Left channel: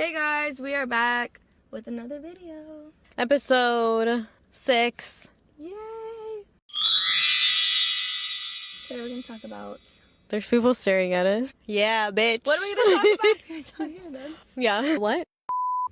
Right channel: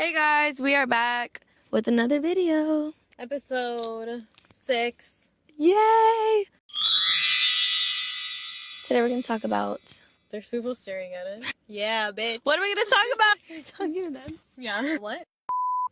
Hey guys, we are back with another video. Episode 6. Yay! Today we're going to talk about... There's people staring at it. Yeah, bitch. What are we going to talk about? You're talking about... Yeah. What?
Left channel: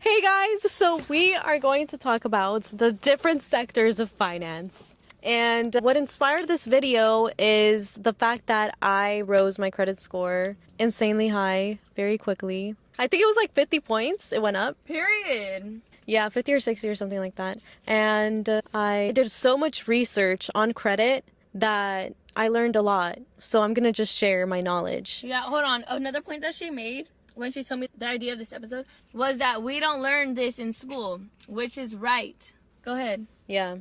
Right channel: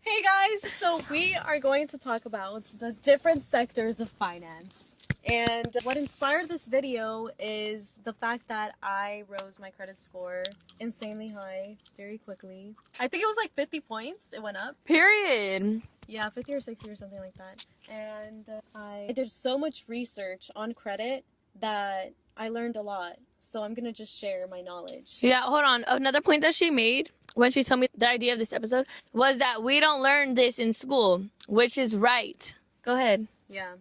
Hey guys, so we are going to talk about the different sectors of finance. And what inspired this video is the fact that I rose my credit score insanely high very quickly. I think it was like 50 points. It went up. Period. Yeah, 50 or 60 or something like that. And I did so much research on credit that I learned a lot. So I'm going to just share my knowledge. Yeah, hold on. Another point that she made when she told me the idea of this episode was that we don't learn this in school, which is right. Go ahead. Yeah.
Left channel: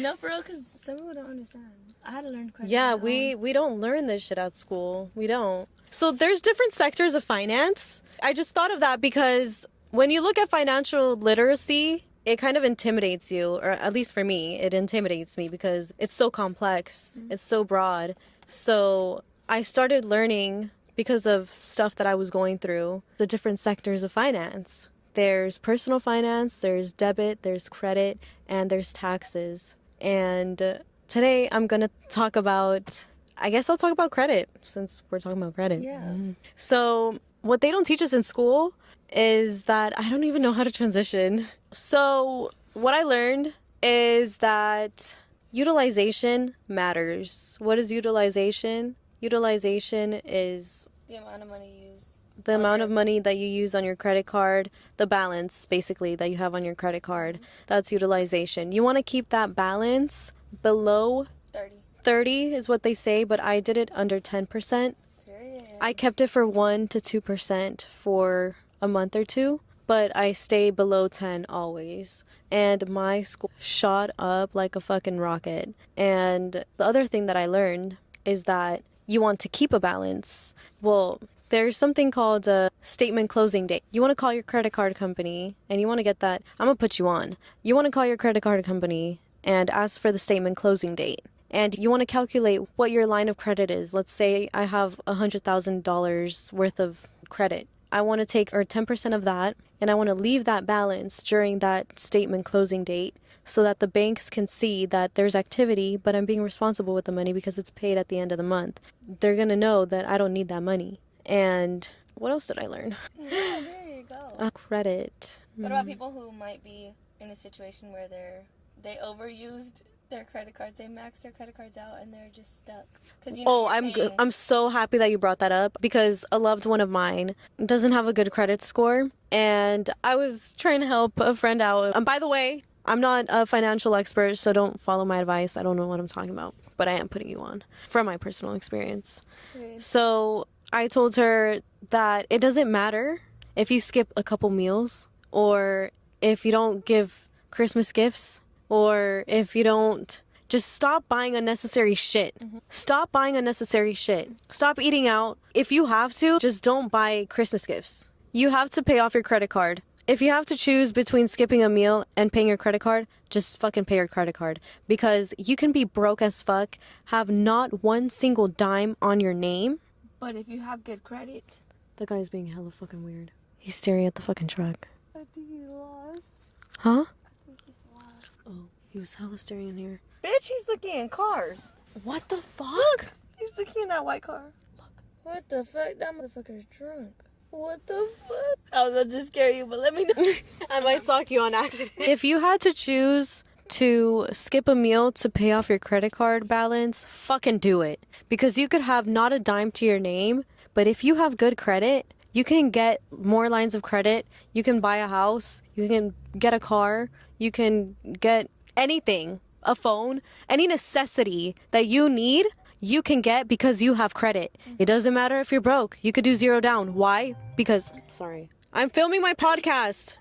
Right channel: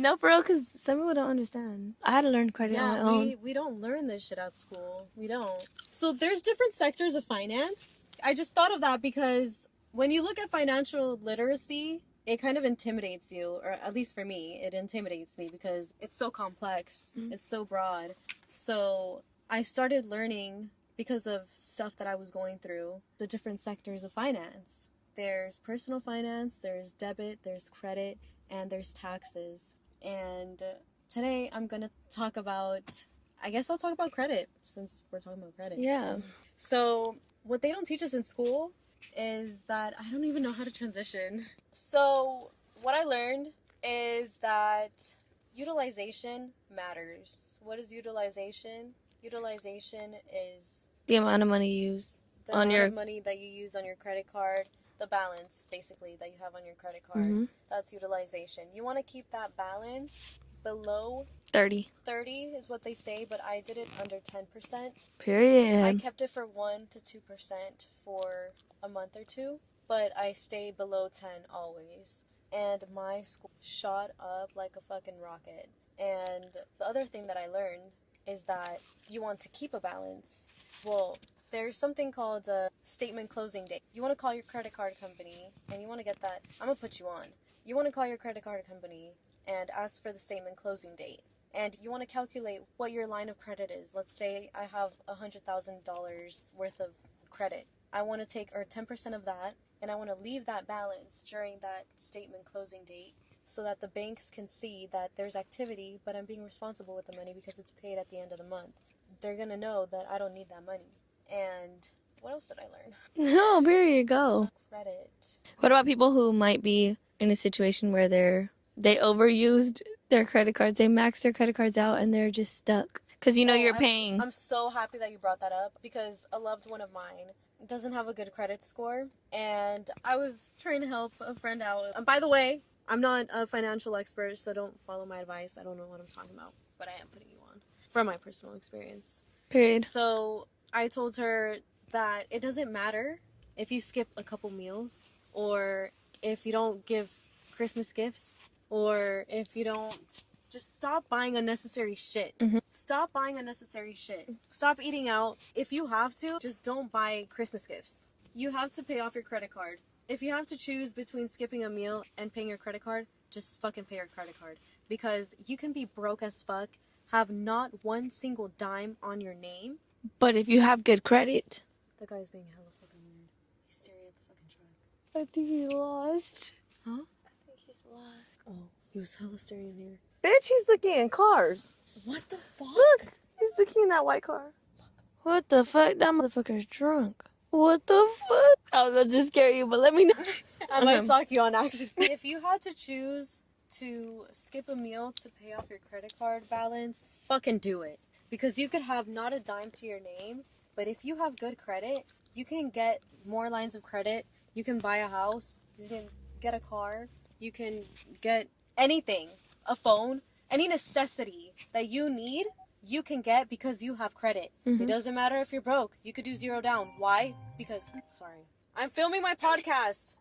No, for real, because some people don't understand. I had to learn credit. Yeah, on my own. we don't learn this shit at school. We don't. So there's different sectors of finance. I just thought of that because when you look at financial literacy, it kind of intimidates you, or at least for me, it intimidates me because it's so complex. It's so broad. So I started learning because of stuff that I was going through, the different sectors of finance. There's personal finance, there's debit, there's credit, and there's taxes. And today I'm going to talk about, I guess I'll talk about credit since we're talking about credit. Yeah. So what they don't teach us in school is that I don't even know how to transition. So what I learned is that utilization matters. What is utilization? Utilization is The amount of money you use. the amount of money that you use on your credit card, the balance basically that you have on your credit card. That's utilization. You want to keep that balance below 30. 30 is what they say, but I did it under 10%. Period. I kept it for 1 to 2% for a month or two, but I stay below 10 always. And my score shot up like a fucking rocket. And the other thing that I learned is that you want to keep a balance. Well, there's something called a statement closing date. You want to call your credit card company and you want to get that. I'm going to put you on. You want to call your credit card company and ask for the statement closing date. And you want to calculate what your line of credit is. Let's say I have $100,000 worth of credit. I want to take 10% of that and I want to leave that balance during that statement closing date so that the banks can see that there's activity, but I'm being responsible with the money because it's paid at the end of the month. They're going to know that I don't need that money. And what else did I learn? No, period. Go. Credit. What about people who might be in a situation where they overused their credit cards, they maxed their credit cards out, and they're just stuck? Because you're paying. I'm so happy that you brought that up because a loved one of mine doesn't have a good credit score, and I was trying to help a friend out. And by the way, I'm not a financial expert, so don't follow my advice. I don't know what I'm talking about, but I am putting you on from my personal experience. Period. So I told her that it doesn't matter if you skip a couple meals or if you don't give Christmas gifts or if you don't, just stop buying unnecessary shit. Stop buying unnecessary shit. Stop eating out. If you have to, just don't buy Christmas gifts. You have to pay off your credit card. If you have to choose between skipping a meal and paying your credit card, just fucking pay your credit card. Because you can be broke as fuck, have not one single dime on your name. But if you have good credit. The guy's being hella fucking weird. He's staring at the fucking truck. I think he lost. Huh? I think he's lost. Oh, he was hella staring in here. Bitch, he's looking in cars. What the fuck? Look, he's looking in that white car. Look. What the fuck? That motherfucker's drunk. What the fuck? I was about to scare you, but let me know. I'm gonna talk you on accident. If you had to choose to skip a meal to pay off your credit card balance, fucking do it. Because you could have not a dime to your name, but if you have good credit, you can get more lines of credit. You can buy a house. You can get a car. You can get anything, a phone, any necessity that you need. You can get because you have credit. It doesn't matter if you're broke. You could do 0 down. Why? Because, sorry, I'm filming my podcast.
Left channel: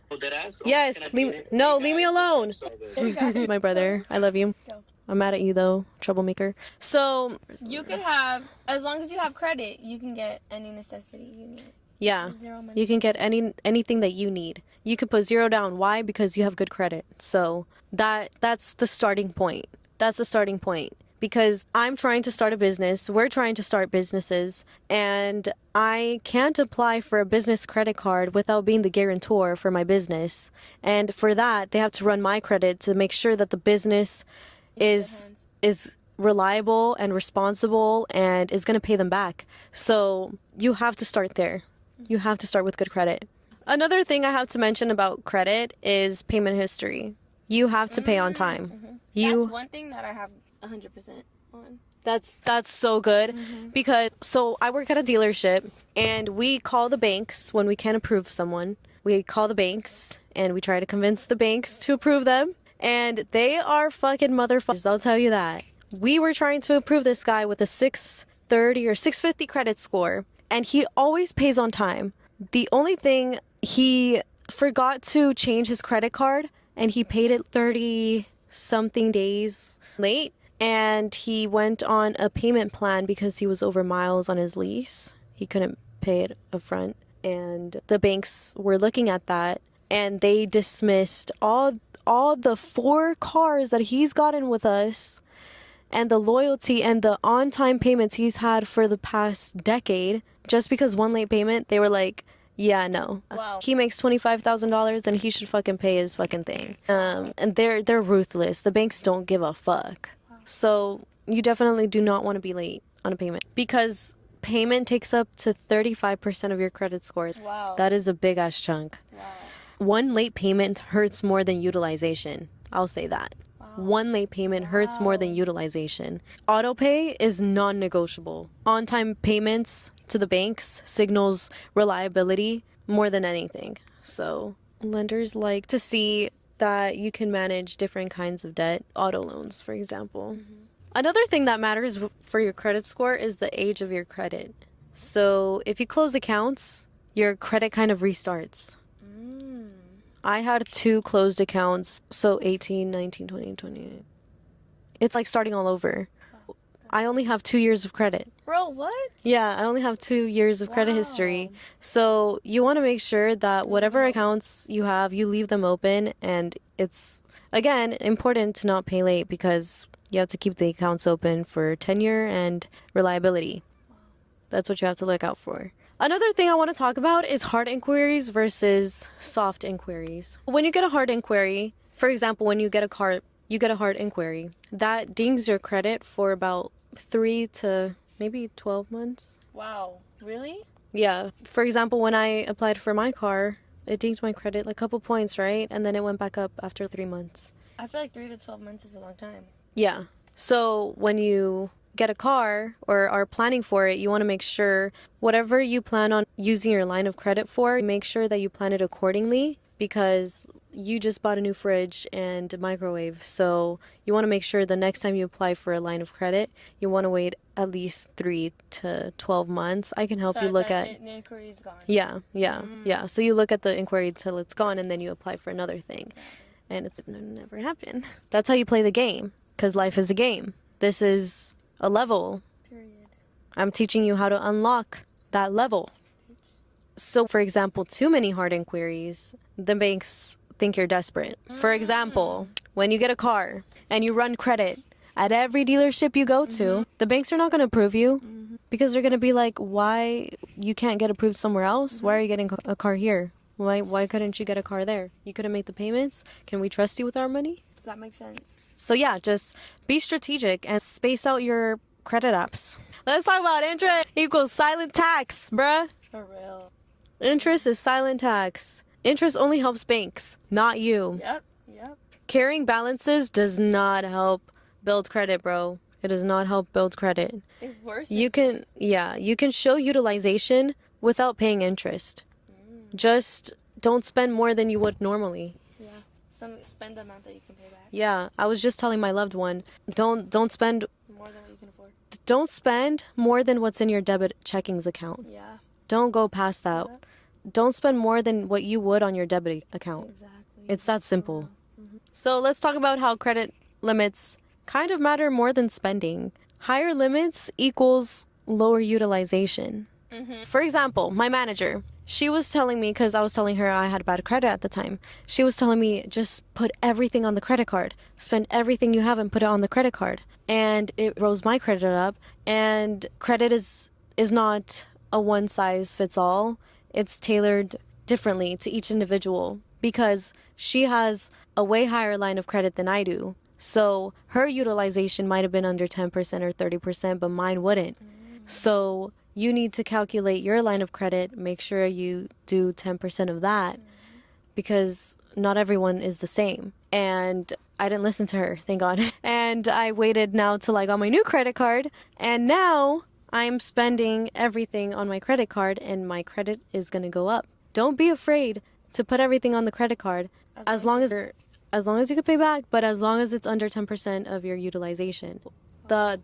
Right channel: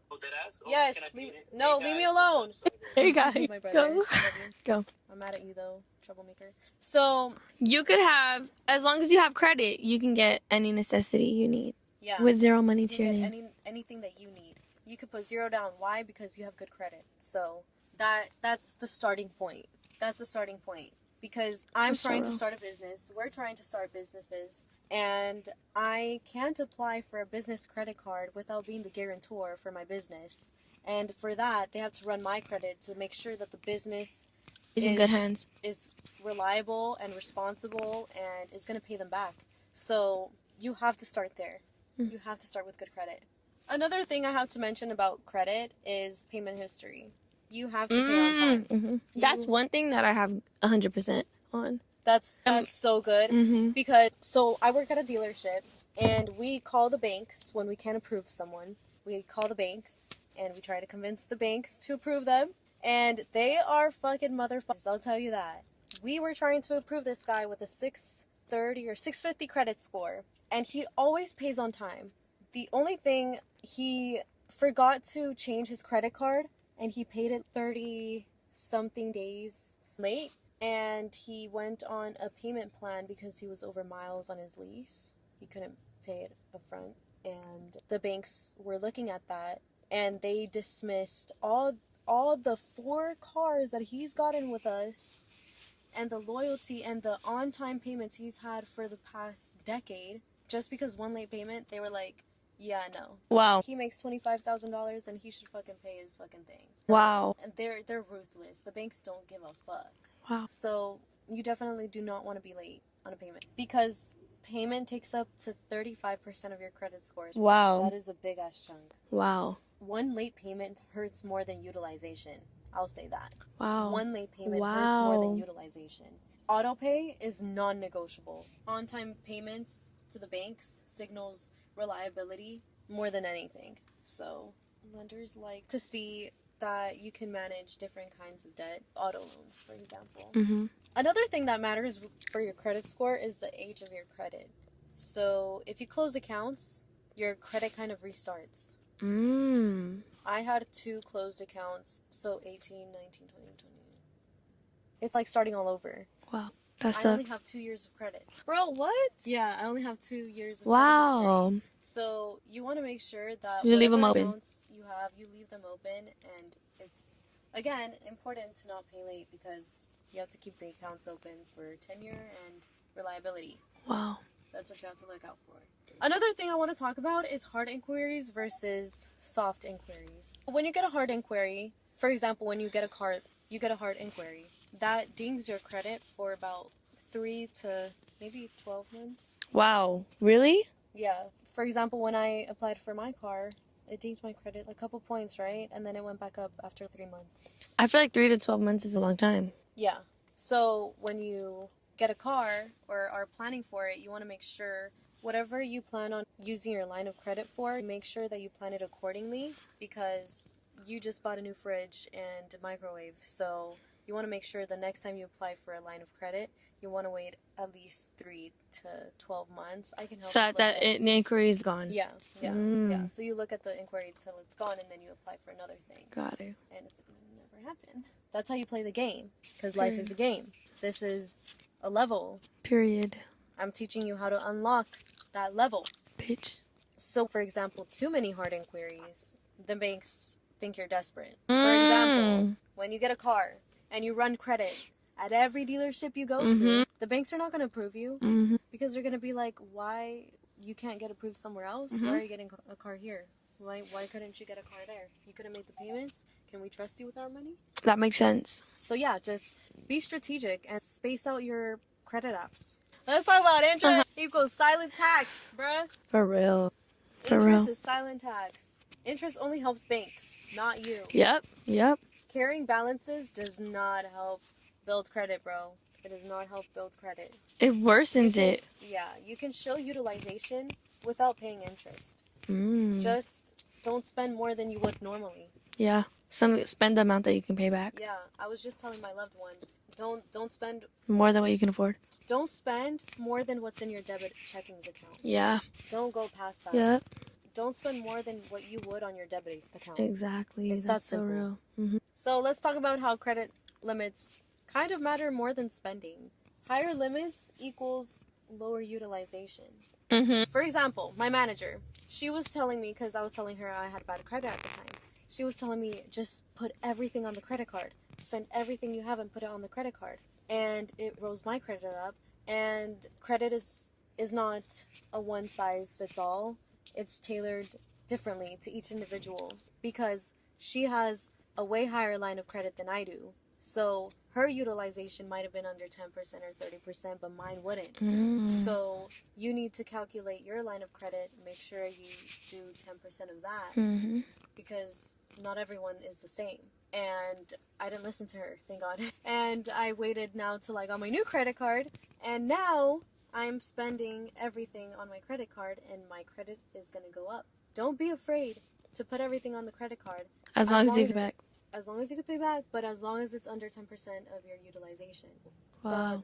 Yes. Leave me alone. Hey guys. My brother, I love you. Go. I'm mad at you though, troublemaker. So, You could have, as long as you have credit, you can get any necessity you need. yeah. With zero money. You can to get your anything that you need. You could put 0 down. Why? Because you have good credit. So, that's the starting point. That's the starting point. because I'm trying to start a business. We're trying to start businesses, and I can't apply for a business credit card without being the guarantor for my business. And for that, they have to run my credit to make sure that the business in good hands. is reliable and responsible and is going to pay them back. So you have to start there. You have to start with good credit. Another thing I have to mention about credit is payment history. You have to pay on time. That's one thing that I have 100% on. That's so good because so I work at a dealership and we call the banks when we can't approve someone. We call the banks and we try to convince the banks to approve them, and they are fucking motherfuckers. I'll tell you that. We were trying to approve this guy with a 630 or 650 credit score, and he always pays on time. The only thing, he forgot to change his credit card and he paid it 30 something days late, and he went on a payment plan because he was over miles on his lease. He couldn't pay it upfront, and the banks were looking at that and they dismissed all the 4 cars that he's gotten with us and the loyalty and the on-time payments he's had for the past decade. Just because one late payment, they were like, yeah, no. Wow. He makes $25,000 and he should fucking pay his fucking thing. Wow. And they're ruthless. The banks don't give a fuck. Wow. So you definitely do not want to be late on a payment because payment takes up to 35% of your credit score. Wow. That is a big ass chunk. Wow. One late payment hurts more than utilization. I'll say that. Wow. One late payment hurts more than utilization. Auto pay is non-negotiable. On-time payments to the banks signals reliability more than anything. So lenders like to see that you can manage different kinds of debt. Auto loans, for example. Another thing that matters for your credit score is the age of your credit. So if you close accounts, your credit kind of restarts. I had 2 closed accounts, so 18, 19, 20, 20. It's like starting all over. Wow. I only have 2 years of credit. Bro, what? Yeah, I only have 2 years of credit history. So you want to make sure that whatever accounts you have, you leave them open. And it's, again, important to not pay late because you have to keep the accounts open for tenure and reliability. Wow. That's what you have to look out for. Another thing I want to talk about is hard inquiries versus soft inquiries. When you get a hard inquiry, for example, when you get a hard inquiry, that dings your credit for about 3 to maybe 12 months. Wow. Really? Yeah. For example, when I applied for my car, it dinged my credit like a couple points, right? And then it went back up after 3 months. I feel like 3 to 12 months is a long time. Yeah. So when you get a car or are planning for it, you want to make sure whatever you plan on using your line of credit for, make sure that you plan it accordingly because you just bought a new fridge and microwave. So you want to make sure the next time you apply for a line of credit, you want to wait at least 3 to 12 months. I can help you look at the inquiry is gone. Yeah. So you look at the inquiry till it's gone and then you apply for another thing. Got it. And it's never happened. That's how you play the game because life is a game. This is a level. Period. I'm teaching you how to unlock that level. Bitch. So, for example, too many hard inquiries, the banks think you're desperate. For example, when you get a car and you run credit at every dealership you go to, the banks are not going to approve you because they're going to be like, why you can't get approved somewhere else? Why are you getting a car here? Why couldn't you get a car there? You couldn't make the payments? Can we trust you with our money? That makes sense. So yeah, just be strategic and space out your credit apps. Let's talk about interest equals silent tax, bruh. For real. Interest is silent tax. Interest only helps banks, not you. Yep. Carrying balances does not help build credit, bro. It does not help build credit. It worsens it. Yeah, you can show utilization without paying interest. Just don't spend more than you would normally. Yeah. Spend the amount that you can pay back. Yeah, I was just telling my loved one, don't spend more than what you can afford. Don't spend more than what's in your debit checkings account. Yeah. Don't go past that. Yep. Don't spend more than what you would on your debit account. Exactly. It's that simple. So let's talk about how credit limits kind of matter more than spending. Higher limits equals lower utilization. For example, my manager, she was telling me, because I was telling her I had bad credit at the time. She was telling me, just put everything on the credit card. Spend everything you have and put it on the credit card. And it rose my credit up. And credit is not a one size fits all. It's tailored differently to each individual because she has a way higher line of credit than I do. So her utilization might have been under 10% or 30%, but mine wouldn't. So you need to calculate your line of credit, make sure you do 10% of that because not everyone is the same. And I didn't listen to her, thank God. And I waited now till I got my new credit card, and now I'm spending everything on my credit card, and my credit is going to go up. Don't be afraid to put everything on the credit card As long as you pay back. as long as you can pay back, but as long as it's under 10% of your utilization. Wow.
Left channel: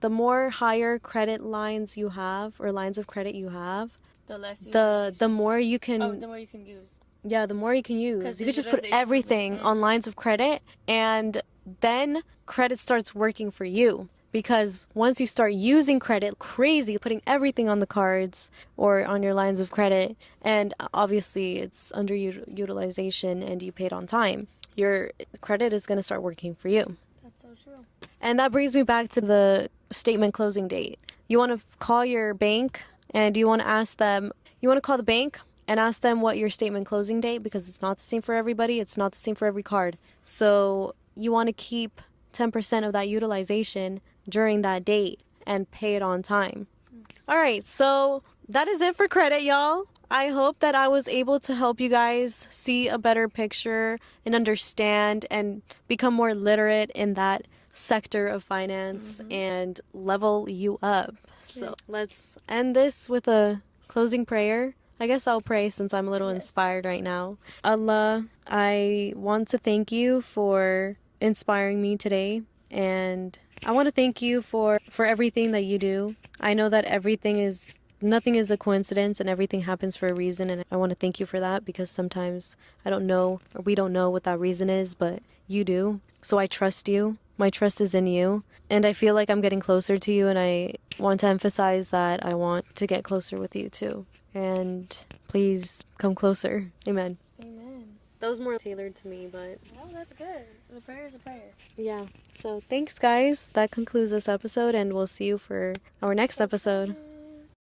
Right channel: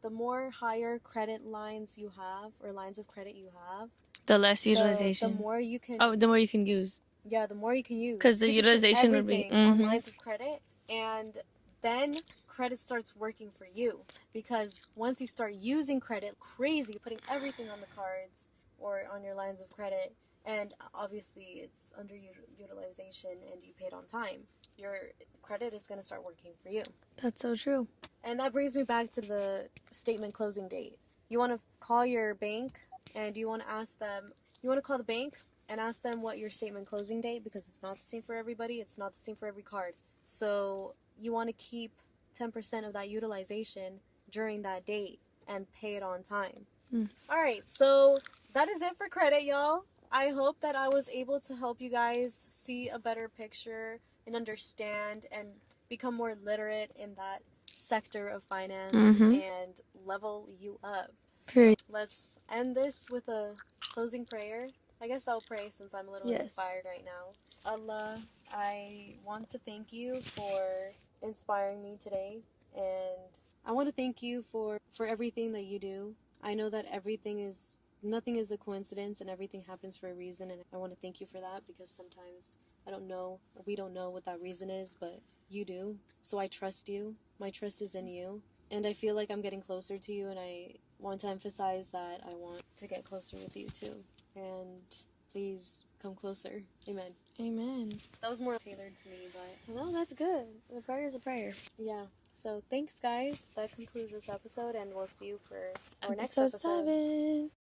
The more higher credit lines you have, or lines of credit you have, The less utilization. the more you can the more you can use. yeah, the more you can use. 'Cause the you can just put utilization would be- everything on lines of credit, and then credit starts working for you. Because once you start using credit crazy, putting everything on the cards or on your lines of credit, and obviously it's under utilization and you paid on time, your credit is going to start working for you. That's so true. And that brings me back to the statement closing date. You want to call your bank and you want to ask them, you want to call the bank and ask them what your statement closing date, because it's not the same for everybody. It's not the same for every card. So you want to keep 10% of that utilization during that date and pay it on time. All right, so that is it for credit, y'all. I hope that I was able to help you guys see a better picture and understand and become more literate in that sector of finance and level you up. So let's end this with a closing prayer. I guess I'll pray since I'm a little inspired right now. Allah, I want to thank you for inspiring me today, and I want to thank you for everything that you do. I know that nothing is a coincidence and everything happens for a reason, and I want to thank you for that, because sometimes I don't know, or we don't know what that reason is, but you do. So I trust you. My trust is in you, and I feel like I'm getting closer to you, and I want to emphasize that I want to get closer with you too. And please come closer. Amen. Amen. That was more tailored to me, but No, that's good. The prayer is a prayer. yeah. So thanks, guys. That concludes this episode, and we'll see you for our next episode. 7.